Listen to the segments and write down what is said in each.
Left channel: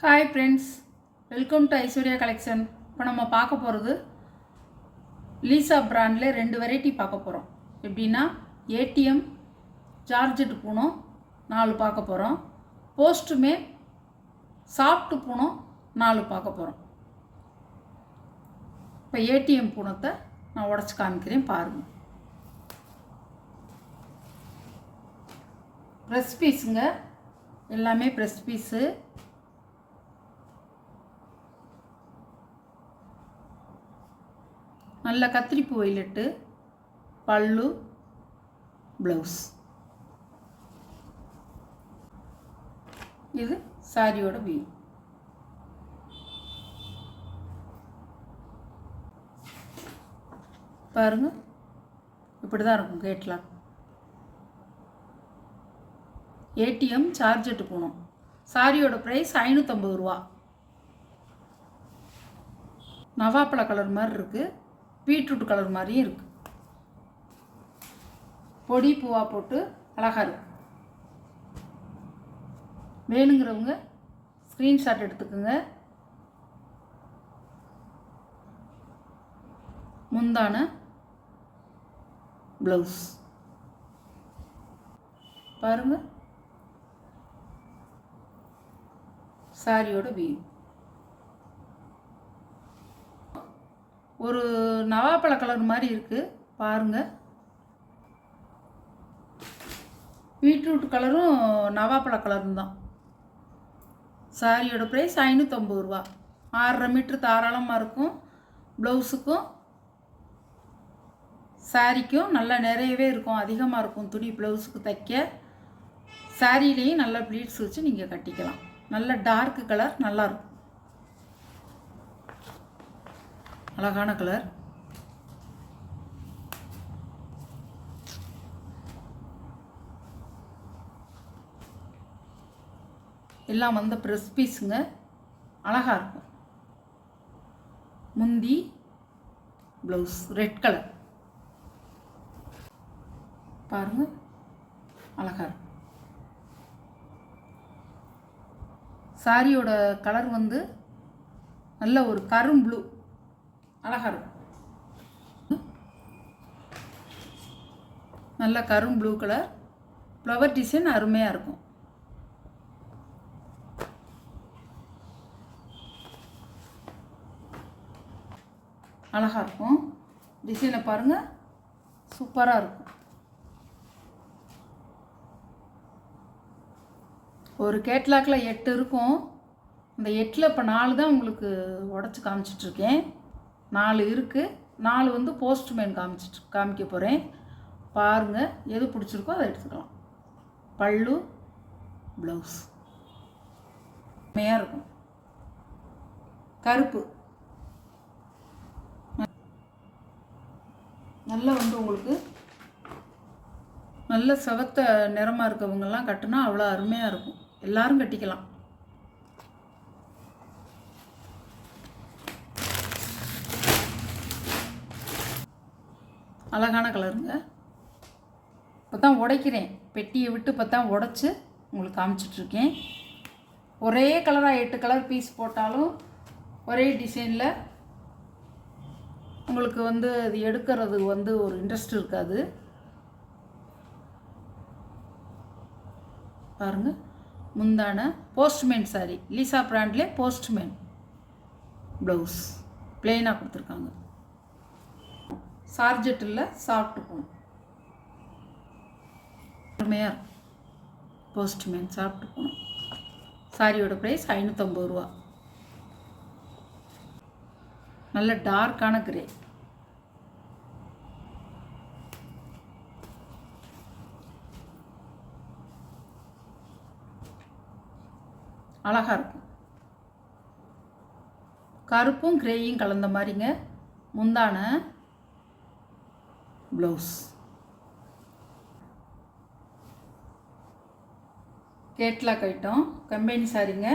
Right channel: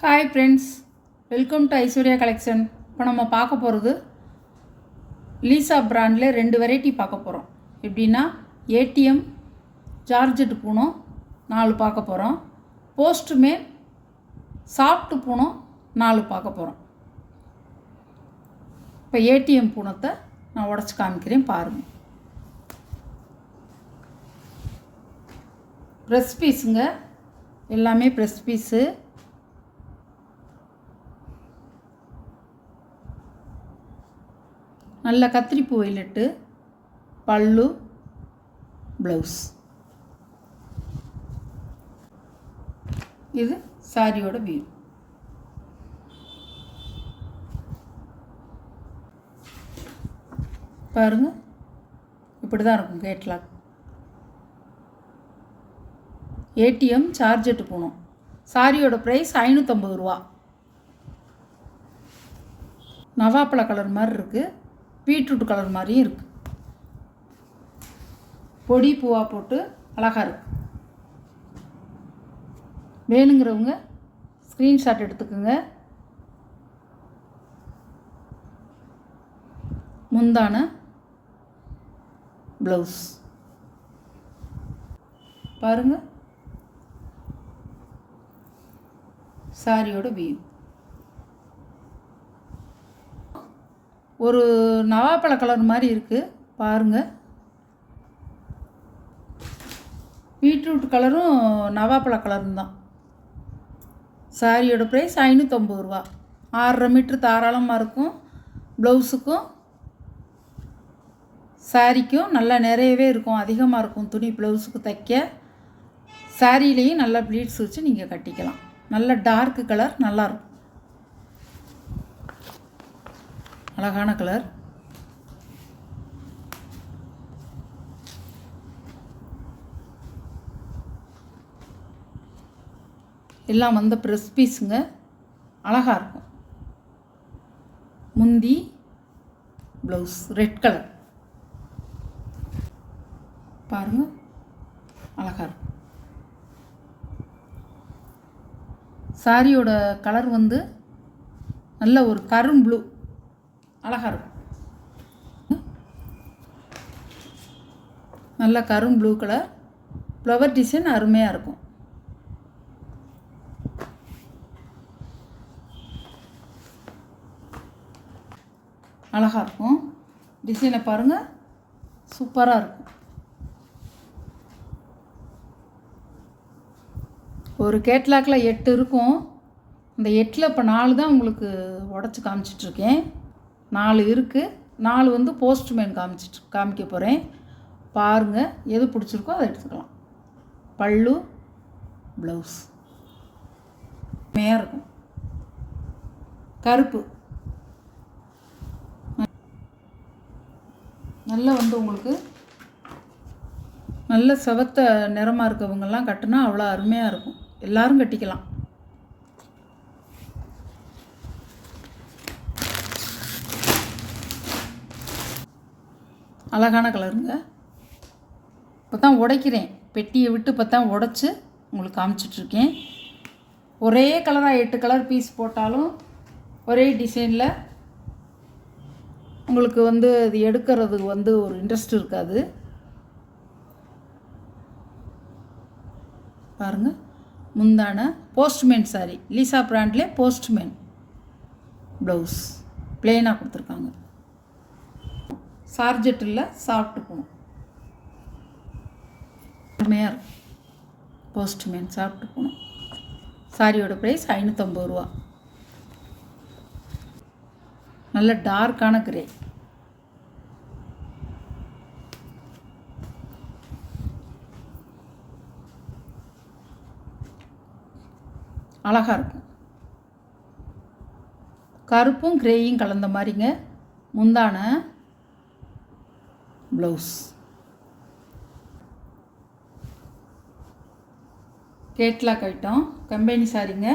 Hi friends, welcome to Aishwarya collection. இப்போ நம்ம பார்க்க போகிறது லீசா பிராண்டில் 2 வெரைட்டி பார்க்க போகிறோம். எப்படின்னா ஏடிஎம் ஜார்ஜெட் பூனம் 4 பார்க்க போகிறோம். போஸ்ட்மேன் சாஃப்ட் பூனம் 4 பார்க்க போகிறோம். இப்போ ஏடிஎம் பூனத்தை நான் உடச்சி காமிக்கிறேன் பாருங்கள். ப்ரெஸ் பீஸுங்க, எல்லாமே ப்ரெஸ் பீஸு. நல்ல கத்திரிப்பூ வைலட்டு, பல்லு, ப்ளவுஸ். இது சாரியோட வியூ. பாருங்க, இப்படி தான் இருக்கும் கேட்லாக். ஏடிஎம் சார்ஜெட்டு பூனம். சாரியோட ப்ரைஸ் 550 ரூபா. நவாப்பழ கலர் மாதிரி இருக்குது, பீட்ரூட் கலர் மாதிரியும் இருக்குது. பொடி பூவாக போட்டு அழகாக இருக்கு. வேணுங்கிறவங்க ஸ்க்ரீன்ஷாட் எடுத்துக்கோங்க. முந்தான ப்ளவுஸ் பாருங்கள். சாரியோட வியூ. ஒரு நவாப்பழ கலர் மாதிரி இருக்குது பாருங்கள். பீட்ரூட் கலரும் நவாப்பழ கலரும் தான். சாரியோட ப்ரைஸ் 550 ரூபா. 6.5 மீட்ரு தாராளமாக இருக்கும். ப்ளவுஸுக்கும் சாரிக்கும் நல்லா நிறையவே இருக்கும், அதிகமாக இருக்கும் துணி ப்ளவுஸுக்கு தைக்க. சாரியிலையும் நல்லா ப்ளீட்ஸ் வச்சு நீங்கள் கட்டிக்கலாம். நல்ல டார்க் கலர், நல்லாயிருக்கும், அழகான கலர். எல்லாம் வந்து ப்ரெஸ் பீஸுங்க, அழகாக இருக்கும். முந்தி ப்ளவுஸ் ரெட் கலர் பாருங்கள், அழகாக இருக்கும். சாரியோட கலர் வந்து நல்ல ஒரு கரும் ப்ளூ, அழகாக இருக்கும். நல்ல கரும் ப்ளூ கலர். ஃப்ளவர் டிசைன் அருமையாக இருக்கும். அழகாக இருக்கும். டிசைனை பாருங்கள், சூப்பராக இருக்கும். ஒரு கேட்லாக்கில் 8 இருக்கும். இந்த 8ல் இப்போ 4 தான் உங்களுக்கு உடச்சி காமிச்சிட்ருக்கேன். 4 இருக்குது. 4 வந்து போஸ்ட்மேன் காமிக்க போகிறேன். பாருங்கள், எது பிடிச்சிருக்கோ அதை எடுத்துக்கலாம். பல்லு, ப்ளவுஸ் மேயாக இருக்கும். கருப்பு நல்லா வந்து உங்களுக்கு நல்ல செவத்த நிறமாக இருக்கவங்கெல்லாம் கட்டினா அவ்வளோ அருமையாக இருக்கும். எல்லோரும் கட்டிக்கலாம். அழகான கலருங்க. இப்போ தான் உடைக்கிறேன், பெட்டியை விட்டு இப்போ தான் உடச்சி உங்களுக்கு காமிச்சிட்ருக்கேன். ஒரே கலராக 8 கலர் பீஸ் போட்டாலும் ஒரே டிசைனில் உங்களுக்கு வந்து அது எடுக்கிறது வந்து ஒரு இன்ட்ரெஸ்ட் இருக்காது. பாருங்கள், முந்தான போஸ்ட்மேன் சாரி, லீசா பிராண்ட்லேயே போஸ்ட்மேன். ப்ளவுஸ் பிளெயினாக கொடுத்துருக்காங்க. சார்ஜெட்டில் சாஃப்ட் பூனம் அருமையாக இருக்கும். Postman soft Poonam. சாரியோட ப்ரைஸ் 550 ரூபா. நல்ல டார்க்கான கிரே. அழகாக இருக்கும். கருப்பும் கிரேயும் கலந்த மாதிரிங்க. முந்தான ப்ளவுஸ். கேட்லாக் ஐட்டம், கம்பெனி சாரிங்க.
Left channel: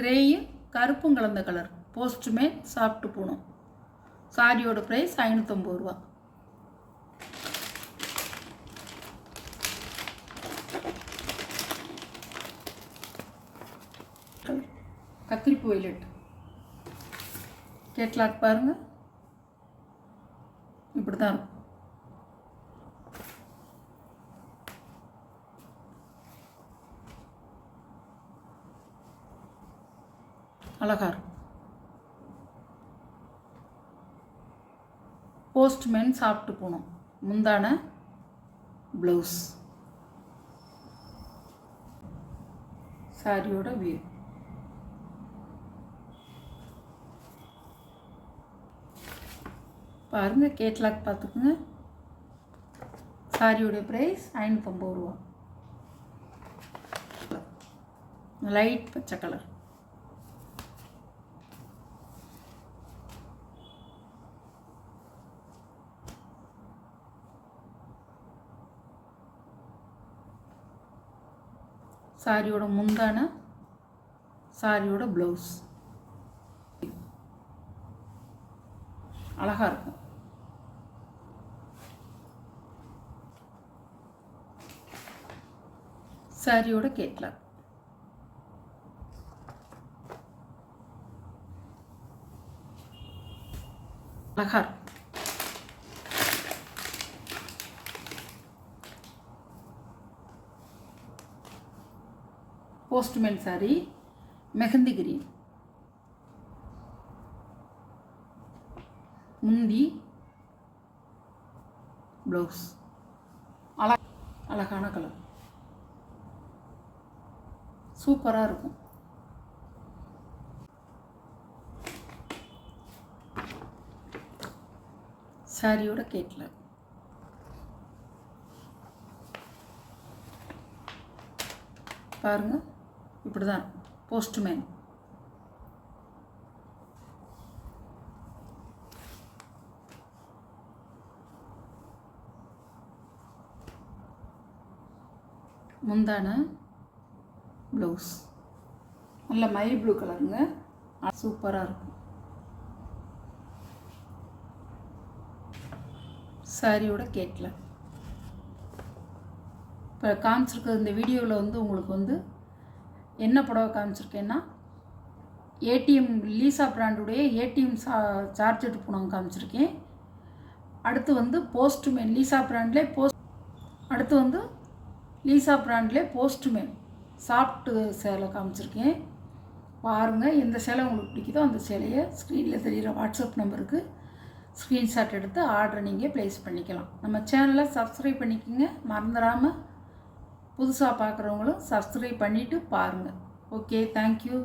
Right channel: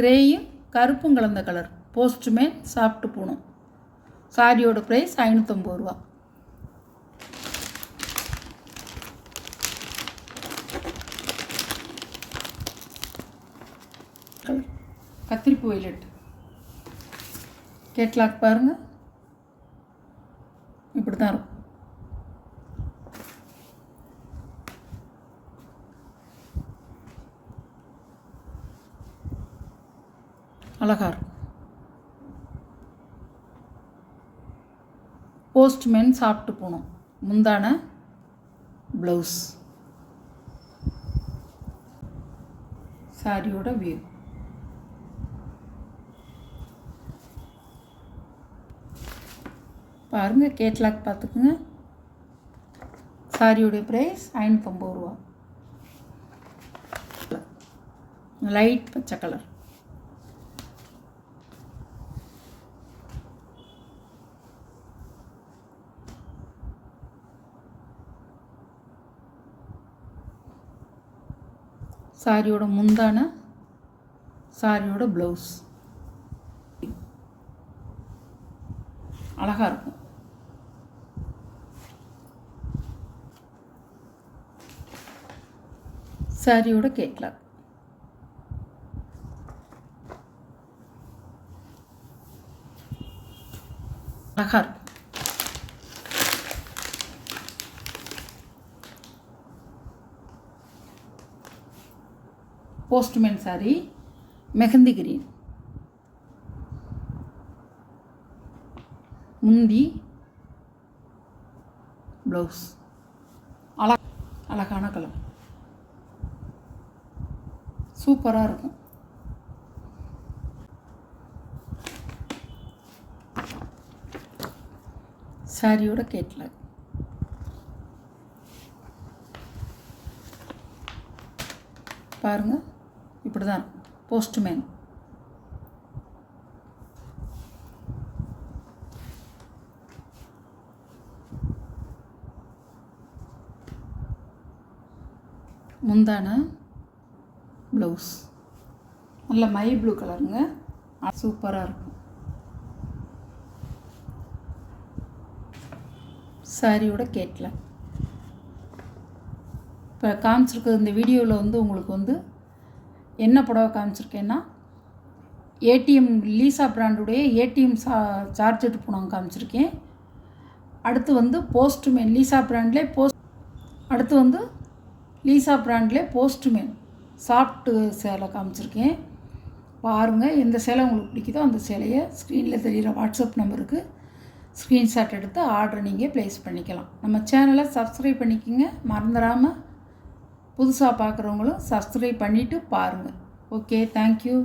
கிரேயும் கருப்பும் கலந்த கலர். Postman soft Poonam. சாரியோட ப்ரைஸ் 550 ரூபா. கத்திரிப்பு வைலட் கேட்லாக் பாருங்கள், இப்படி தான் இருக்கும். அழகாக இருக்கும். போஸ்ட்மேன் சாப்பிட்டு போகணும். முந்தான ப்ளவுஸ், சாரியோட வியூ. பாருங்கள், கேட்லாக் பார்த்துக்குங்க. சாரியோடைய ப்ரைஸ் 550 ரூபா. லைட் பச்சை கலர். சாரியோட முந்தான, சாரியோட ப்ளவுஸ் அழகாக இருக்கும். சாரியோட கேட்லாக். அழகாக இருக்கும். Postman sorry mehndi green. முந்தி ப்ளவுஸ் அழகான கலர், சூப்பராக இருக்கும். சாரியோட கேட்லாக். பாருங்கள், இப்படி தான் இருக்கும். போஸ்ட்மேன். முந்தான ப்ளவுஸ் நல்ல மை ப்ளூ கலருங்க, சூப்பராக இருக்கும். சாரியோட கேட்லாக். இப்போ காமிச்சிருக்க இந்த வீடியோவில் வந்து உங்களுக்கு வந்து என்ன புடவை காமிச்சிருக்கேன்னா, ஏடிஎம் லீசா பிராண்டுடைய ஏடிஎம் சார்ஜெட் புடவை காமிச்சிருக்கேன். அடுத்து வந்து போஸ்ட்மேன் லீசா பிராண்ட்லேயே அடுத்து வந்து லீசா பிராண்ட்லேயே போஸ்ட்மேன் சாஃப்ட்டு சேலை காமிச்சிருக்கேன். பாருங்கள், எந்த சேலை உங்களுக்கு பிடிக்குதோ அந்த சேலையை ஸ்க்ரீனில் தெரிகிற வாட்ஸ்அப் நம்பருக்கு ஸ்க்ரீன்ஷாட் எடுத்து ஆர்டரை நீங்கள் ப்ளேஸ் பண்ணிக்கலாம். நம்ம சேனலை சப்ஸ்கிரைப் பண்ணிக்கோங்க, மறந்துடாமல். புதுசாக பார்க்குறவங்களும் சப்ஸ்கிரைப் பண்ணிவிட்டு பாருங்கள். Okay, thank you.